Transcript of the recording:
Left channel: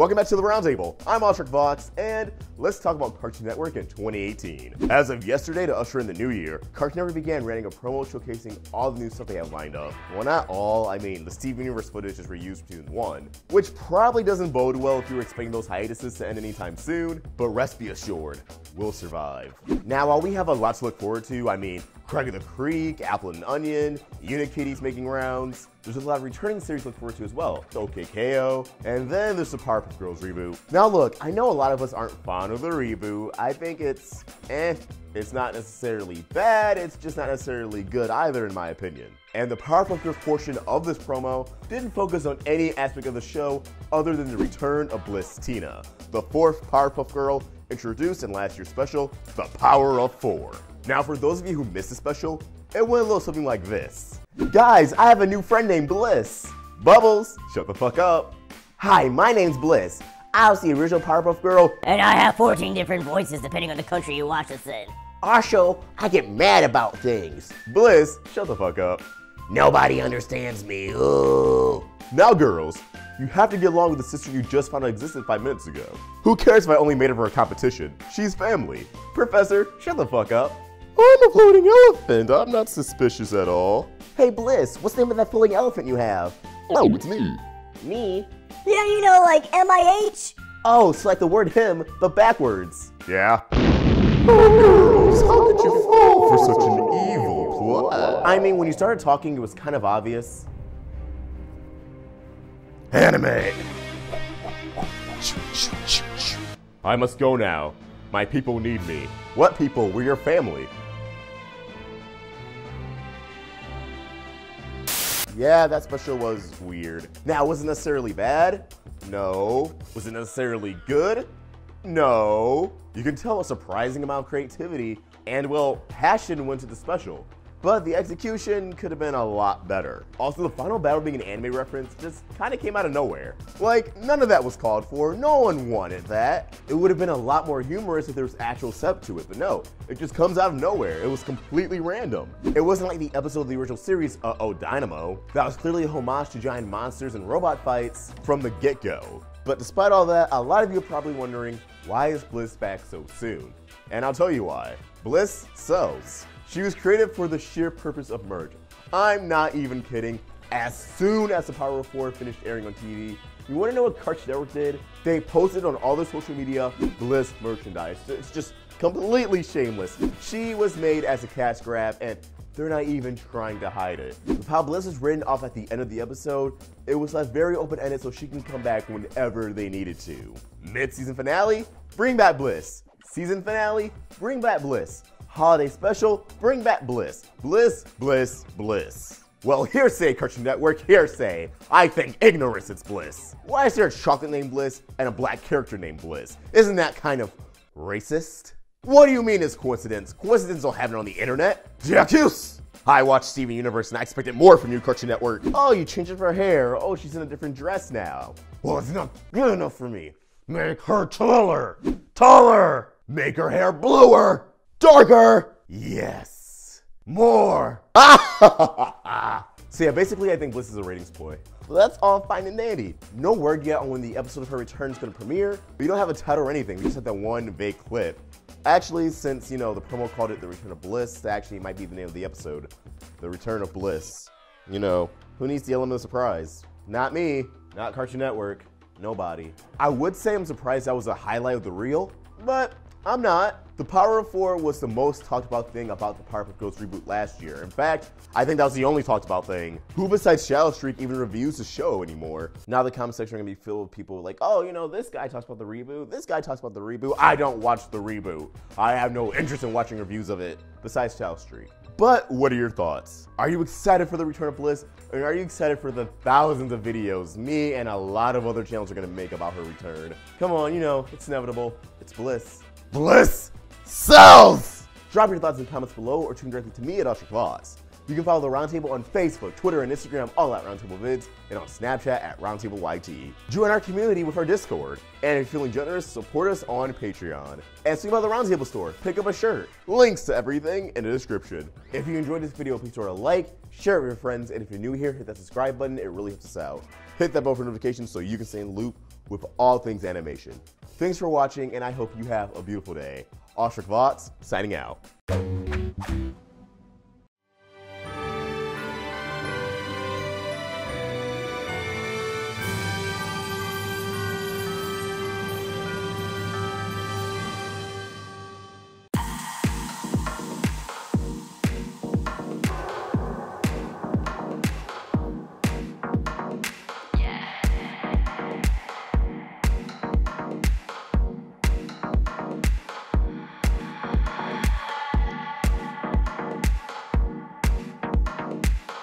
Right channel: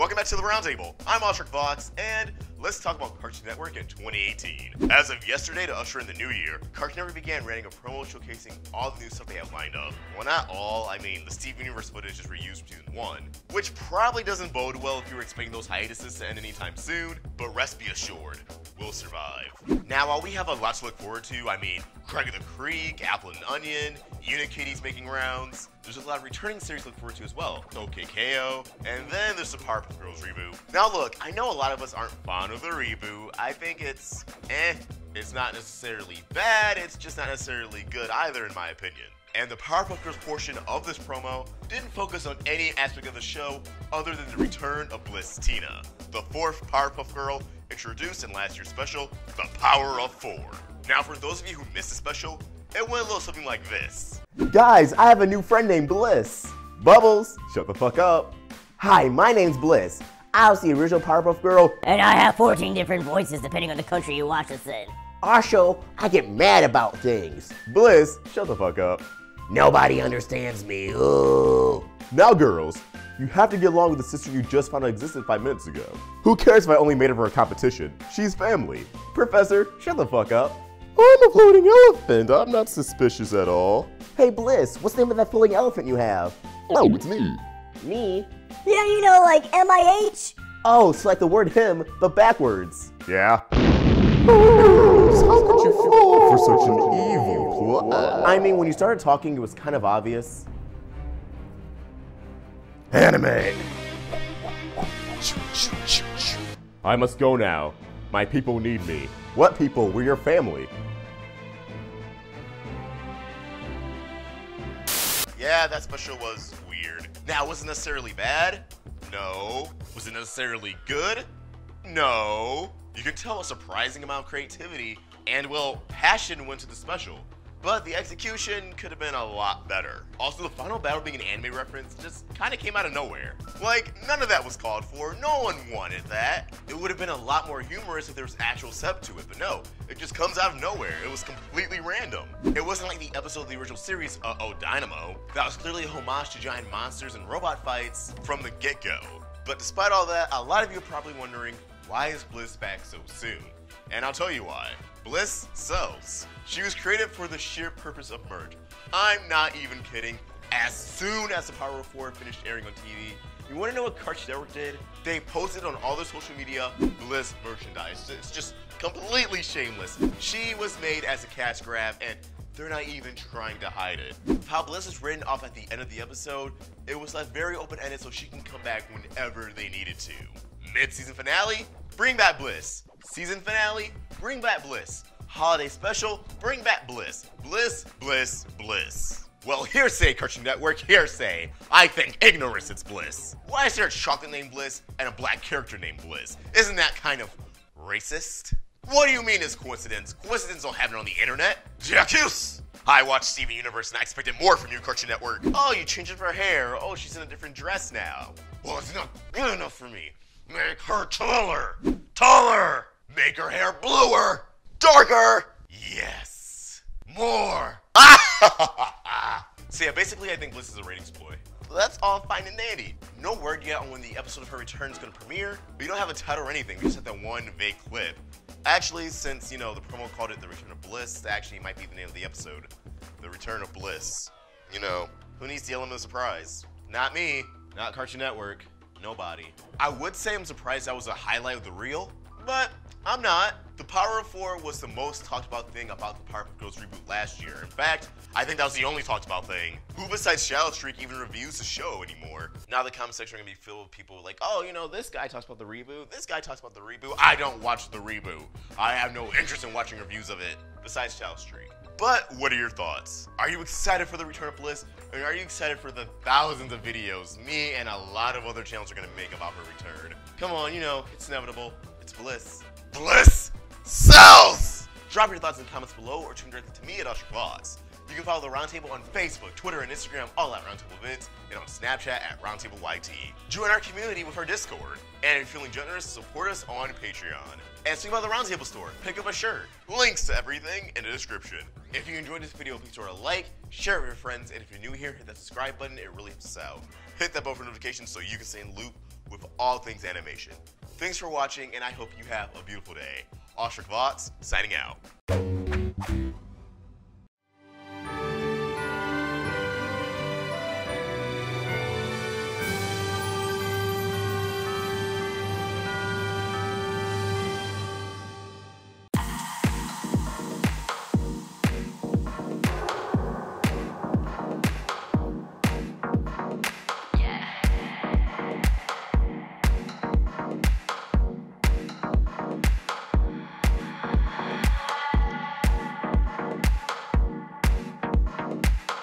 Welcome back to the Roundtable. I'm Oshrik Vox, and let's talk about Cartoon Network in 2018. As of yesterday, to usher in the new year, Cartoon Network began running a promo showcasing all the new stuff they have lined up. Well, not all. I mean, the Steven Universe footage is reused between one, which probably doesn't bode well if you were expecting those hiatuses to end anytime soon, but rest be assured, we'll survive. Now, while we have a lot to look forward to, I mean, Craig of the Creek, Apple and Onion, Unikitties making rounds, there's a lot of returning series to look forward to as well. OKKO, and then there's the Powerpuff Girls reboot. Now look, I know a lot of us aren't fond of the reboot. I think it's It's not necessarily bad, it's just not necessarily good either in my opinion. And the Powerpuff Girls portion of this promo didn't focus on any aspect of the show other than the return of Bliss Tina, the fourth Powerpuff Girl introduced in last year's special, The Power of Four. Now for those of you who missed the special, it went a little something like this. Guys, I have a new friend named Bliss. Bubbles, shut the fuck up. Hi, my name's Bliss. I was the original Powerpuff Girl. And I have 14 different voices depending on the country you watch us in. Also, I get mad about things. Bliss, shut the fuck up. Nobody understands me. Ooh. Now girls, you have to get along with the sister you just found out existed 5 minutes ago. Who cares if I only made her for a competition? She's family. Professor, shut the fuck up. I'm a floating elephant. I'm not suspicious at all. Hey Bliss, what's the name of that floating elephant you have? Oh, it's me. Me? Yeah, you know, like MIH? Oh, so like the word him, but backwards. Yeah. Oh, girls, how could you fall for such an evil plot? I mean, when you started talking, it was kind of obvious. Anime. I must go now. My people need me. What people? We're your family. Yeah, that special was weird. Now, was it necessarily bad? No. Was it necessarily good? No. You can tell a surprising amount of creativity and, well, passion went to the special. But the execution could have been a lot better. Also, the final battle being an anime reference just kind of came out of nowhere. Like, none of that was called for. No one wanted that. It would have been a lot more humorous if there was actual setup to it, but no. It just comes out of nowhere. It was completely random. It wasn't like the episode of the original series, Uh-Oh Dynamo, that was clearly a homage to giant monsters and robot fights from the get-go. But despite all that, a lot of you are probably wondering, why is Bliss back so soon? And I'll tell you why. Bliss sells. She was created for the sheer purpose of merch. I'm not even kidding. As soon as The Power of Four finished airing on TV, you want to know what Cartoon Network did? They posted on all their social media Bliss merchandise. It's just completely shameless. She was made as a cash grab, and they're not even trying to hide it. How Bliss is written off at the end of the episode, it was left very open-ended so she can come back whenever they needed to. Mid-season finale, bring back Bliss. Season finale, bring back Bliss. Holiday special, bring back Bliss. Bliss, Bliss, Bliss. Well, hearsay, Cartoon Network, hearsay. I think ignorance is bliss. Why is there a chocolate named Bliss and a black character named Bliss? Isn't that kind of racist? What do you mean it's coincidence? Coincidence don't happen on the internet. Jacques! I watched Steven Universe and I expected more from you, Cartoon Network. Oh, you changed her hair. Oh, she's in a different dress now. Well, it's not good enough for me. Make her taller. Taller! Make her hair bluer. Darker! Yes. More. So yeah, basically I think Bliss is a ratings ploy. Well, that's all fine and dandy. No word yet on when the episode of her return is going to premiere, but you don't have a title or anything. We just have that one vague clip. Actually, since, you know, the promo called it The Return of Bliss, that actually might be the name of the episode. The Return of Bliss. You know, who needs the element of surprise? Not me. Not Cartoon Network. Nobody. I would say I'm surprised that was a highlight of the reel, but I'm not. The Power of Four was the most talked about thing about the Powerpuff Girls reboot last year. In fact, I think that was the only talked about thing. Who besides Shadow Streak even reviews the show anymore? Now the comment section are gonna be filled with people like, oh, you know, this guy talks about the reboot, this guy talks about the reboot. I don't watch the reboot. I have no interest in watching reviews of it, besides Shadow Streak. But what are your thoughts? Are you excited for the return of Bliss? Or are you excited for the thousands of videos me and a lot of other channels are gonna make about her return? Come on, you know, it's inevitable. It's Bliss. Bliss sells! Drop your thoughts in the comments below or tune directly to me at Oshrik Vox. You can follow the Roundtable on Facebook, Twitter, and Instagram, all at Roundtable Vids, and on Snapchat at RoundtableYT. Join our community with our Discord. And if you're feeling generous, support us on Patreon. And swing by the Roundtable store, pick up a shirt. Links to everything in the description. If you enjoyed this video, please throw it a like, share it with your friends, and if you're new here, hit that subscribe button, it really helps us out. Hit that bell for notifications so you can stay in the loop with all things animation. Thanks for watching, and I hope you have a beautiful day. Ostrich Vox, signing out.